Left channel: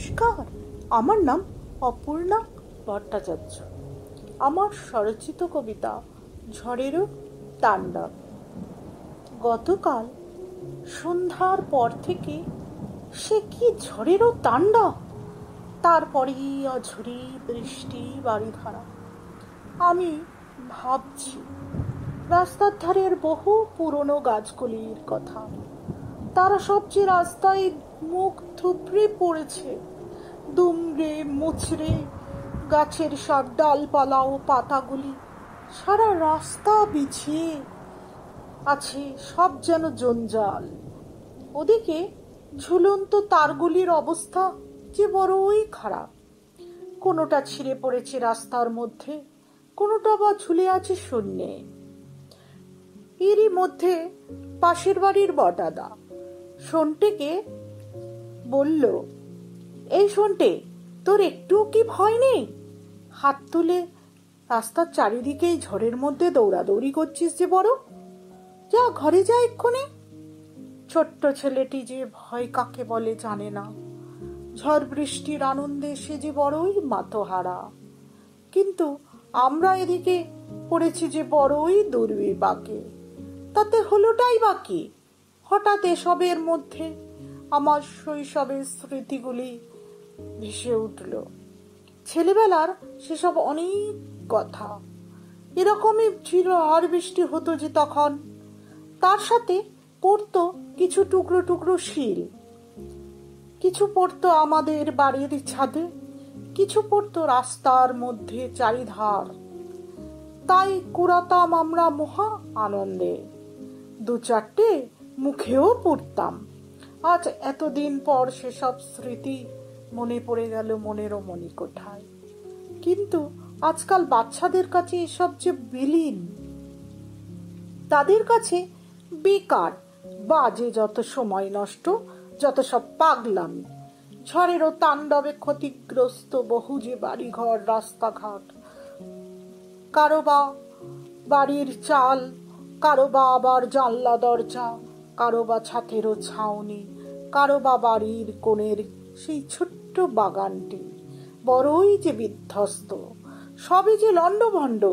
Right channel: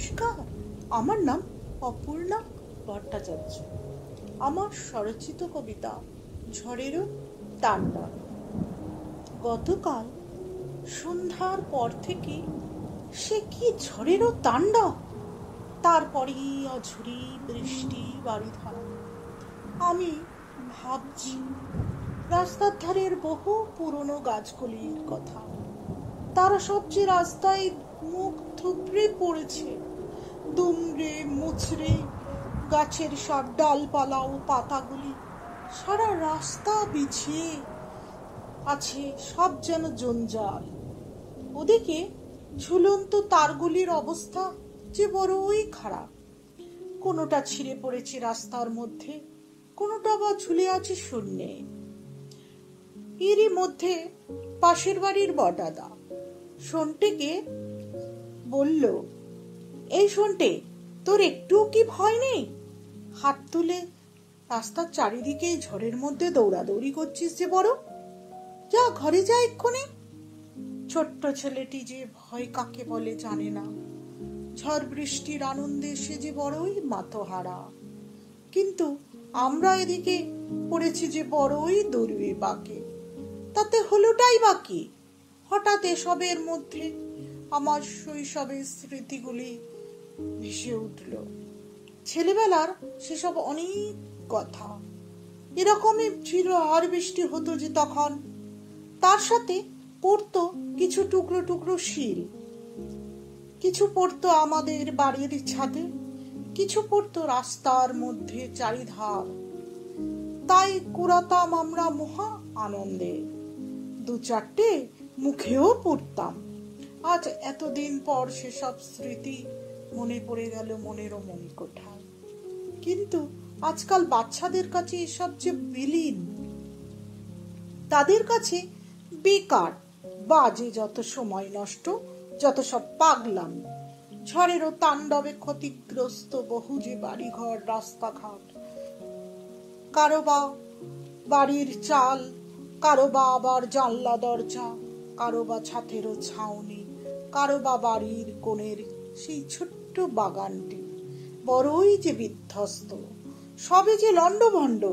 নমস্কার, আমার নাম অপূর্ণা ভট্টাচার্য। আমার স্বরচিত কবিতা ঝড়েরও তাণ্ডব। গতকাল সন্ধ্যার পর থেকে সে কি ঝড়েরও তাণ্ডব, তারপরেই অঝুরি বৃষ্টি বাড়ি ধরা। আমি ভাবছি রাস্তার ধারের বহু পুরনো গাছগুলির কথা। তারা সব যে রাস্তায় মুখ থুবড়ে পড়েছে, দুমড়ে মুচড়ে গাছের সব ডালপালা ও পাতাগুলি সারা রাস্তা বিছিয়ে আছে, সব যেন জঞ্জাল। ওদিকে ঝুলন্ত তারগুলির অবস্থা যে বড়ই খারাপ। কোনোটা ছিঁড়ে পড়েছে রাস্তার মধ্যে, কোনোটা বা ঝুলে আছে শূন্যে। এরই মধ্যে পাশের বাড়ির বড়দাদা সন্টেকে বলল, এই সন্টে, তোর একটু কি ভয় নেই? হাত তুলে রাস্তার চারিদিকে ঝড়ের মধ্যে দৌড়াদৌড়ি করছিস যে বড়, যা ঘরে যা এক্ষুনি। ছোট্ট ছেলেটি যে ভয় কাকে বলে জানে না। ঝড় বৃষ্টির আনন্দে সে যে বড়ই মাতোহারা। কিন্তু আমরা এদিকে পড়েছি যে বড়ই দুর্বিপাকে। তাতে হলোটাই বাকি। হঠাৎ এসবের মধ্যে আমার শৈশবের স্মৃতিগুলি ভেসে উঠল। ছেলেবেলার সেসব অনেক কথা। এরকমই ছিল, আর বৃষ্টি হতো যে তখন তার সাথে পড়তো কিছু টুকরো টুকরো শিল। কিছু পড়তো আমাদের বাড়ির ছাদে, কিছু পড়তো রাস্তার মধ্যে চারিধার। তাই কুড়াতাম আমরা মহা আনন্দে। দু চারটে মুখেও পড়তাম। আজ এতদিন পর সেসব স্মৃতি মনে পড়ে গেল মনেরও মণিকোঠায়। কিন্তু আজকাল বাচ্চাদের কাছে এসব যে বিলীন। তাদের কাছে বেকার, বাজে যত সময় নষ্ট, যত সব পাগলামি। ঝড়েরও তাণ্ডবে ক্ষতিগ্রস্ত বহু যে বাড়িঘর, রাস্তাঘাট। কারো বা বাড়ির চাল, কারো বা আবার জানলা দরজা, কারো বা ছাতেরও ছাউনি, কারো বা বাড়ির কোণের সেই ছোট্ট বাগানটি বড়ই যে বিধ্বস্ত। সবে যে লণ্ডভণ্ড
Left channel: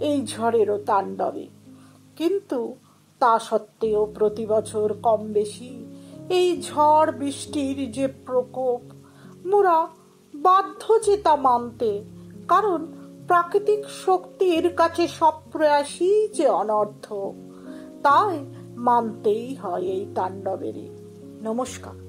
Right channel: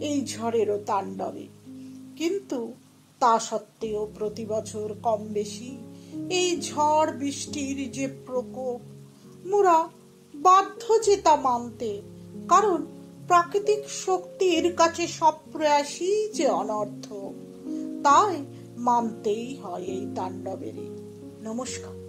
এই ঝড়েরও তাণ্ডবে। কিন্তু তা সত্ত্বেও প্রতি বছর কম বেশি এই ঝড় বৃষ্টির যে প্রকোপ, মোরা বাধ্য যে তা মানতে। কারণ প্রাকৃতিক শক্তির কাছে সব প্রয়াসই যে অনর্থক। তাই মানতেই হয় এই তাণ্ডবেরই। নমস্কার।